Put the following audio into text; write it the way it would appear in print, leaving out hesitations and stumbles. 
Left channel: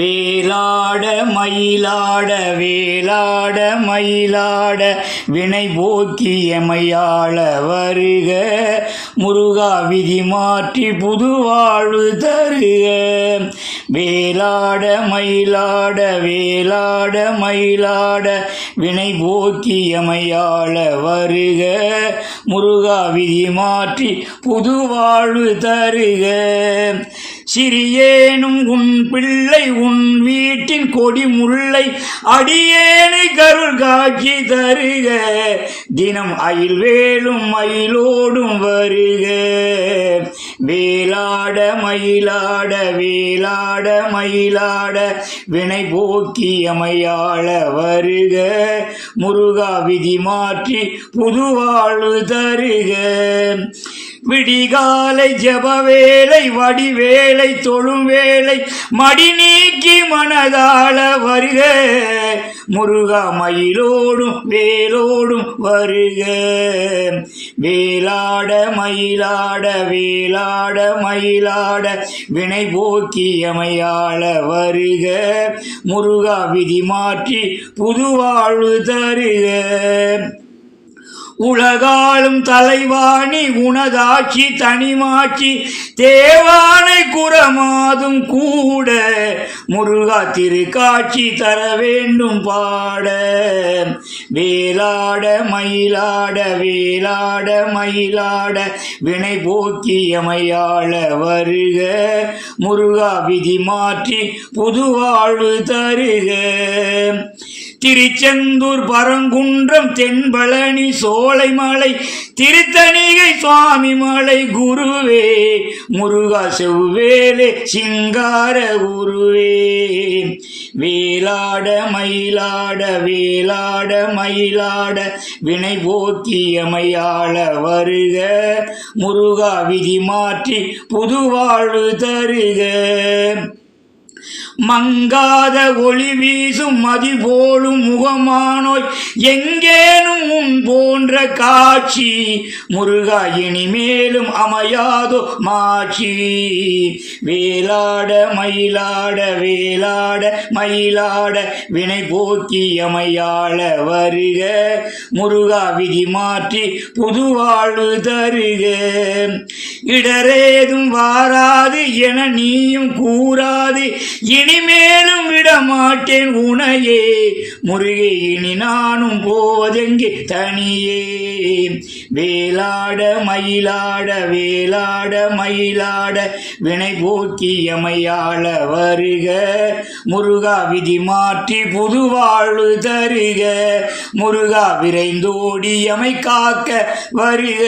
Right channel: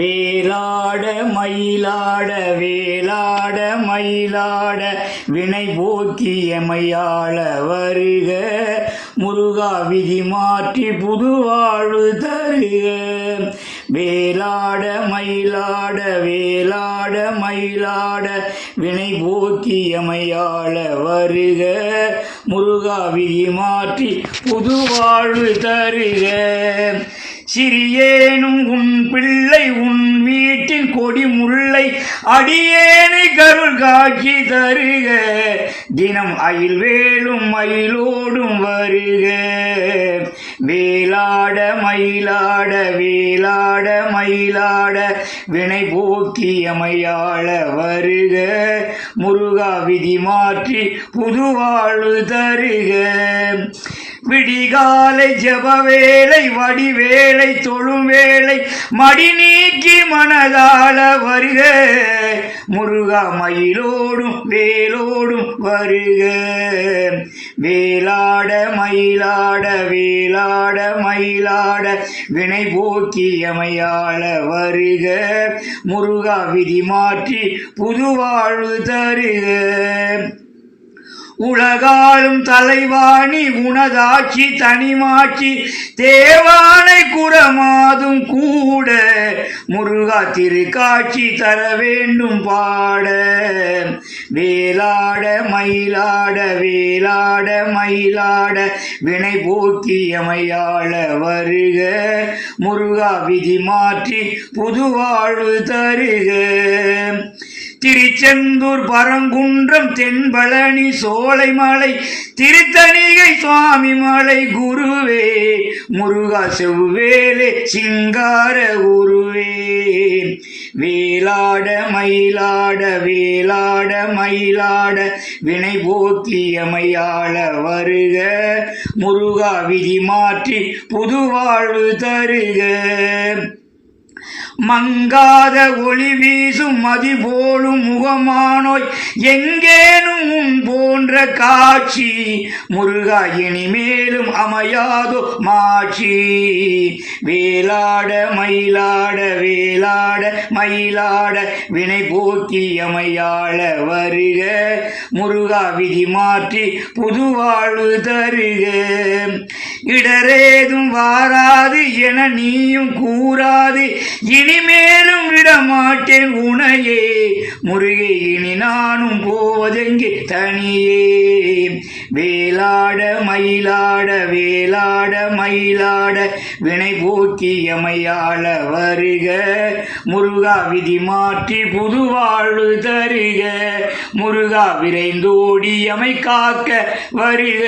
வேலாட மயிலாட வேலாட மயிலாட வினை போக்கியமையாள வருக முருகா விதி மாற்றி புதுவாழ்வு தருக. வேலாட மயிலாட வேலாட மயிலாட வினை போக்கியமையாள வருக முருகா விதி மாற்றி புதுவாழ்வு தருக. சிறியேனும் உன் பிள்ளை உன் வீட்டின் கொடி முல்லை அடியேனை கருள் காட்சி தருக. தினம் அயில் வேலும் மயிலோடும் வருக. வேலாட மயிலாட வேலாட மயிலாட வினை போக்கியமையாள வருக முருகா விதி மாற்றி புதுவாழ்வு தருக. விடிகாலை ஜபவேளை வடிவேளை தொழும் வேளை மடி நீக்கி மனதாள வருக முருகா மயிலோடும் வேலோடும் வருக. வேலாட மயிலாட வேலாட மயிலாட வினை போக்கியமையாள வருக முருகா விதி மாற்றி புதுவாழ்வு தருக. உலகாலும் தலைவாணி உனதாட்சி தனிமாட்சி தேவானை குறமாதும் கூட முருகா திருக்காட்சி தர வேண்டும் பாட. வேலாட மயிலாட வேலாட மயிலாட வினை போக்கியமையாள வருக முருகா விதி மாற்றி புதுவாழ்வு தருக. திருச்செந்தூர் பரங்குன்றம் தென்பழனி சோலைமலை திருத்தணிகை சுவாமி மலை குருவே முருகா செவ்வேலே சிங்கார குருவே. வேலாட மயிலாட வேலாட மயிலாட வினை போக்கியமையாள வருக முருகா விதி மாற்றி புதுவாழ்வு தருக. மங்காத ஒளி வீசும் மதி போலும் முகமானோய் எங்கேனும் உன் போன்ற காட்சி முருகா இனிமேலும் அமையாதோ மாட்சி. வேலாட மயிலாட வேலாட மயிலாட வினை போக்கியமையாள வருக முருகா விதி மாற்றி புதுவாழ்வு தருக. இடரேதும் வாராது என நீயும் கூறாது இனிமேலும் விடமாட்டேன் உனையே முருகே இனி நானும் போவதெங்கே தனியே. வேலாட மயிலாட வேலாட மயிலாட வினை போக்கியமையாள வருக முருகா விதி மாற்றி புதுவாழ்வு தருக. முருகா விரைந்தோடி எமை காக்க வருக.